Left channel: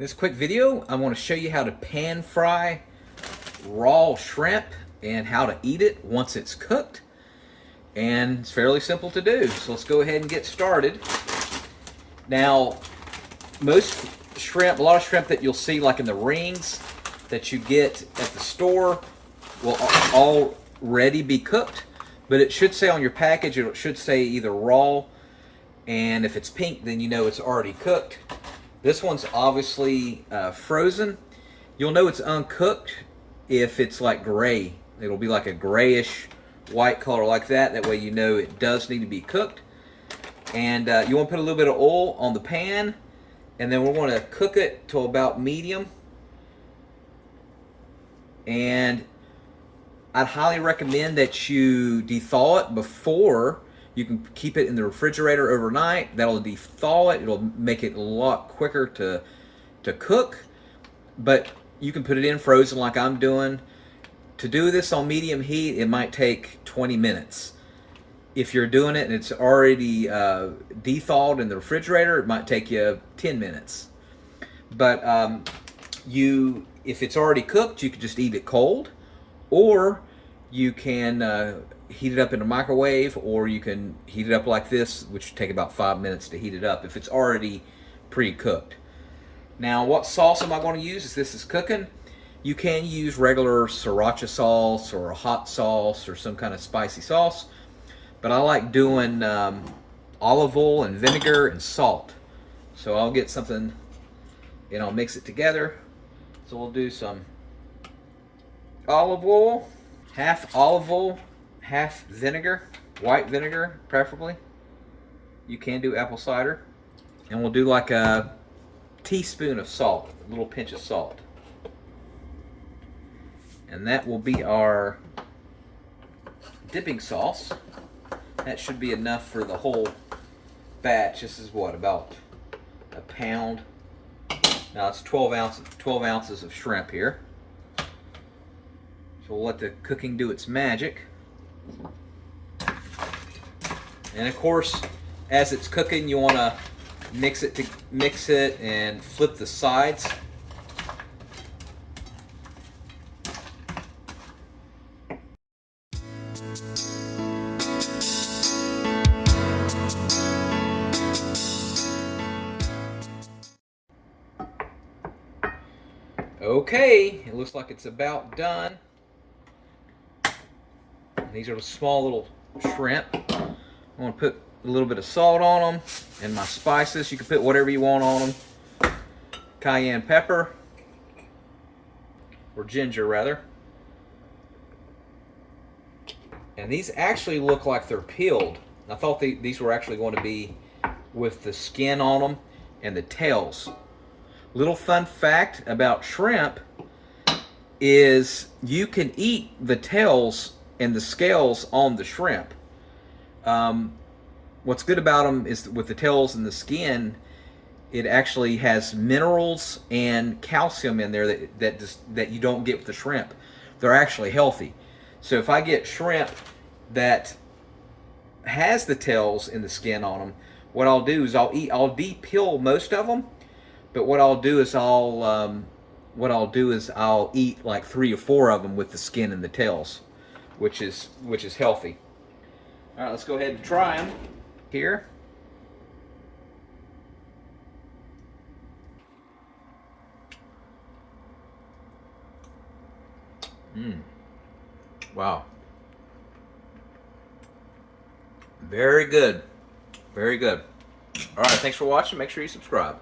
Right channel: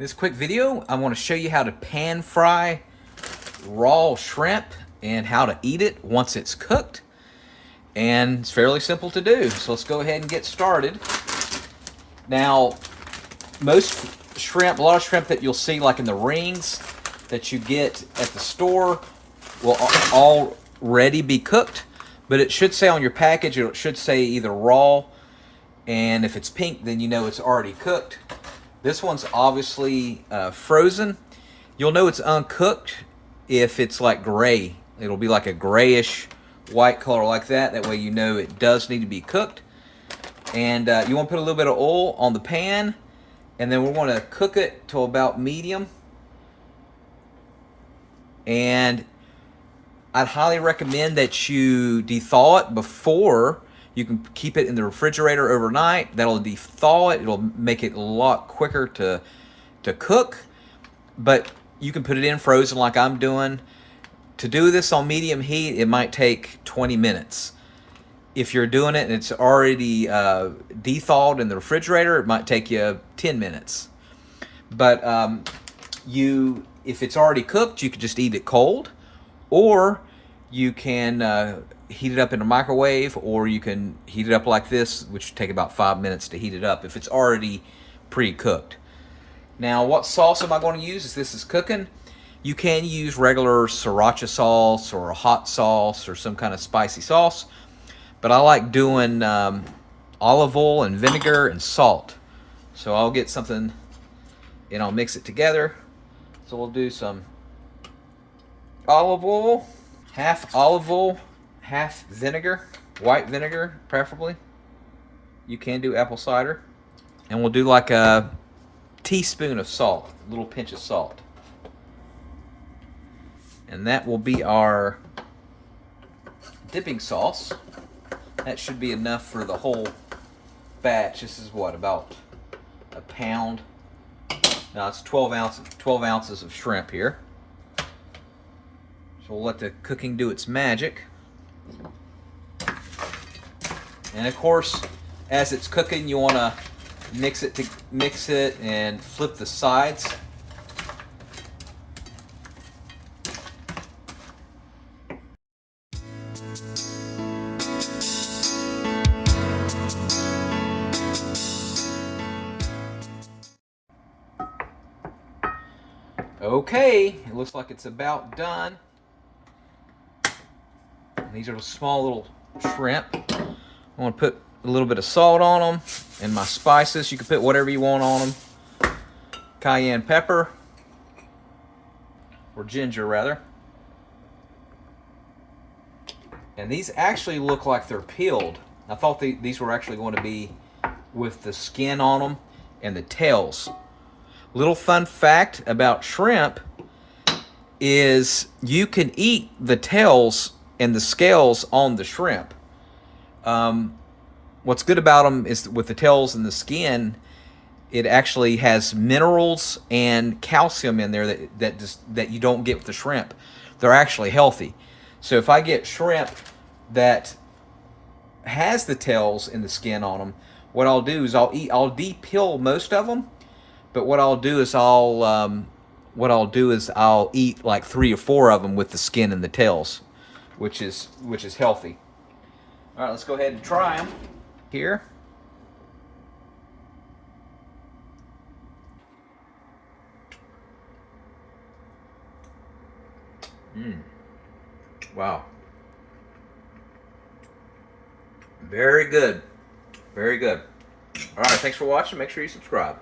In this quick video, I want to show you how to pan fry raw shrimp and how to eat it once it's cooked. And it's fairly simple to do. So let's go ahead and get started. Now, most shrimp, a lot of shrimp that you'll see like in the rings that you get at the store will already be cooked, but it should say on your package, it should say either raw, and if it's pink, then you know it's already cooked. This one's obviously frozen. You'll know it's uncooked if it's like gray. It'll be like a grayish white color like that. That way you know it does need to be cooked. And you want to put a little bit of oil on the pan, and then we want to cook it to about medium. And I'd highly recommend that you de-thaw it before. You can keep it in the refrigerator overnight. That'll de-thaw it. It'll make it a lot quicker to cook. But you can put it in frozen like I'm doing. To do this on medium heat, it might take 20 minutes. If you're doing it and it's already de-thawed in the refrigerator, it might take you 10 minutes. But if it's already cooked, you can just eat it cold, or you can heat it up in a microwave, or you can heat it up like this, which will take about 5 minutes to heat it up if it's already pre-cooked. Now, what sauce am I going to use as this is cooking? You can use regular sriracha sauce or a hot sauce or some kind of spicy sauce, but I like doing olive oil and vinegar and salt. So I'll get something and I'll mix it together. So we'll do some olive oil, half olive oil, half vinegar, white vinegar preferably. You can do apple cider. And we'll do like a teaspoon of salt, a little pinch of salt. And that will be our dipping sauce. That should be enough for the whole batch. This is what, about a pound? Now it's 12 ounces of shrimp here. So we'll let the cooking do its magic. And of course, as it's cooking, you want to mix it and flip the sides. Okay, it looks like it's about done. These are the small little shrimp. I want to put a little bit of salt on them and my spices. You can put whatever you want on them. Cayenne pepper, or ginger rather. And these actually look like they're peeled. I thought these were actually going to be with the skin on them and the tails. Little fun fact about shrimp is you can eat the tails and the scales on the shrimp. What's good about them is with the tails and the skin, it actually has minerals and calcium in there that you don't get with the shrimp. They're actually healthy. So if I get shrimp that has the tails and the skin on them, what I'll do is I'll de-peel most of them. But what I'll do is I'll eat like 3 or 4 of them with the skin and the tails, which is healthy. All right, let's go ahead and try them here. Wow. Very good. Very good. All right, thanks for watching. Make sure you subscribe.